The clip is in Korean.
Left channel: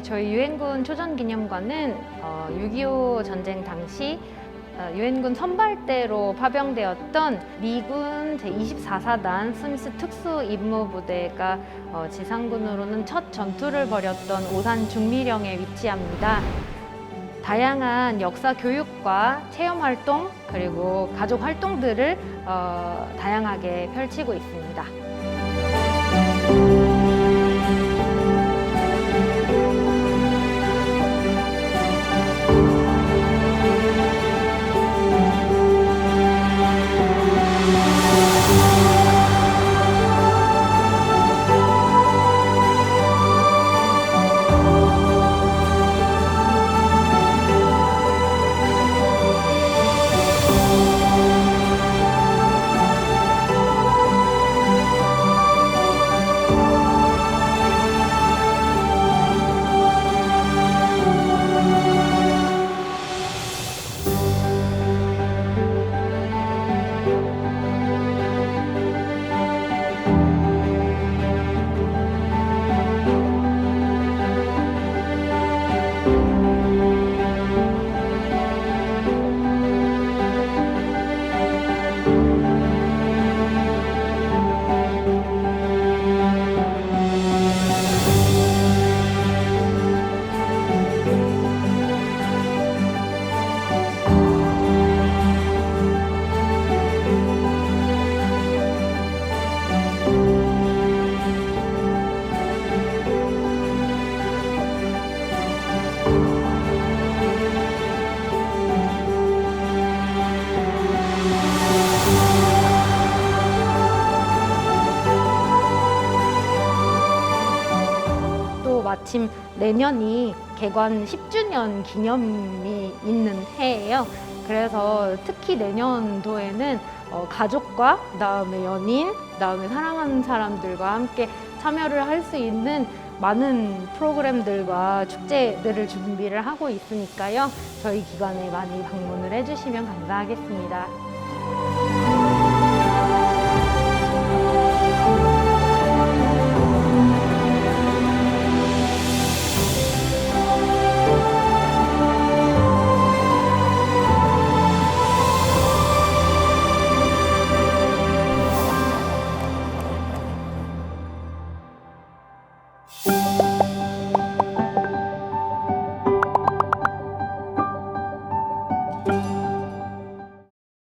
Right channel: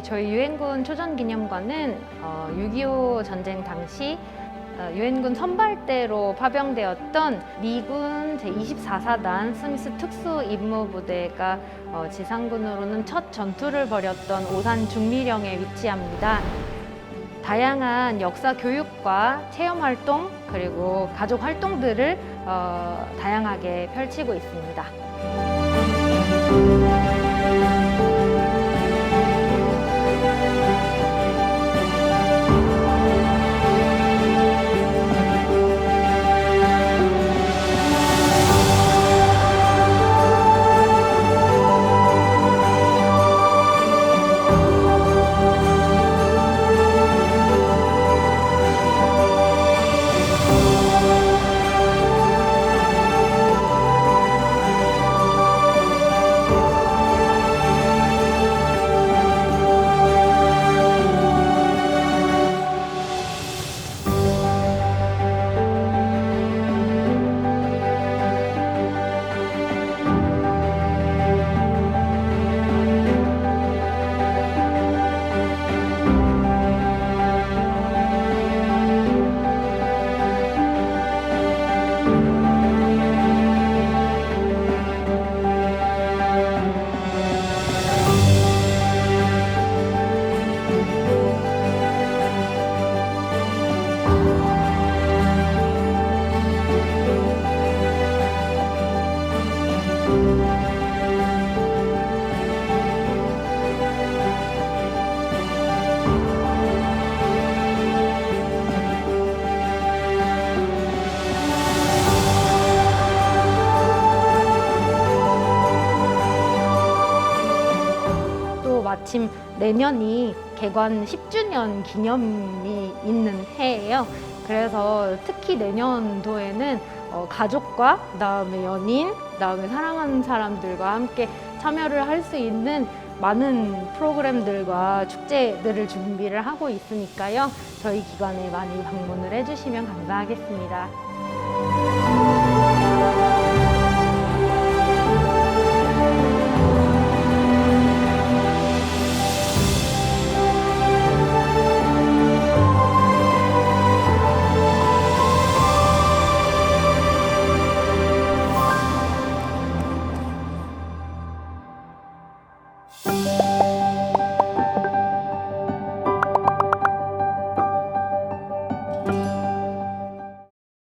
저희 유엔군 초전기념관은 어, 6.25 전쟁 당시 어, 유엔군 선발대로 파병되었던 미군 제24사단 스미스 특수임무부대가 어, 지상군으로는 첫 전투를 벌였던 오산 중미령에 위치합니다. 다양한 역사 교육과 체험 활동 그리고 가족 활동들을 어, 다양하게 펼치고 있습니다. 또 마침 내년이 개관 10주년 기념이 있는 해예요. 그래서 특히 내년도에는 어, 가족과 그다음에 연인, 그다음에 사랑하는 사람들과 함께 참여를 할 수 있는 많은 프로그램들과 축제들을 준비를 하고 있으니까요. 저희 기관에 많이 방문을 해주시면 감사하겠습니다.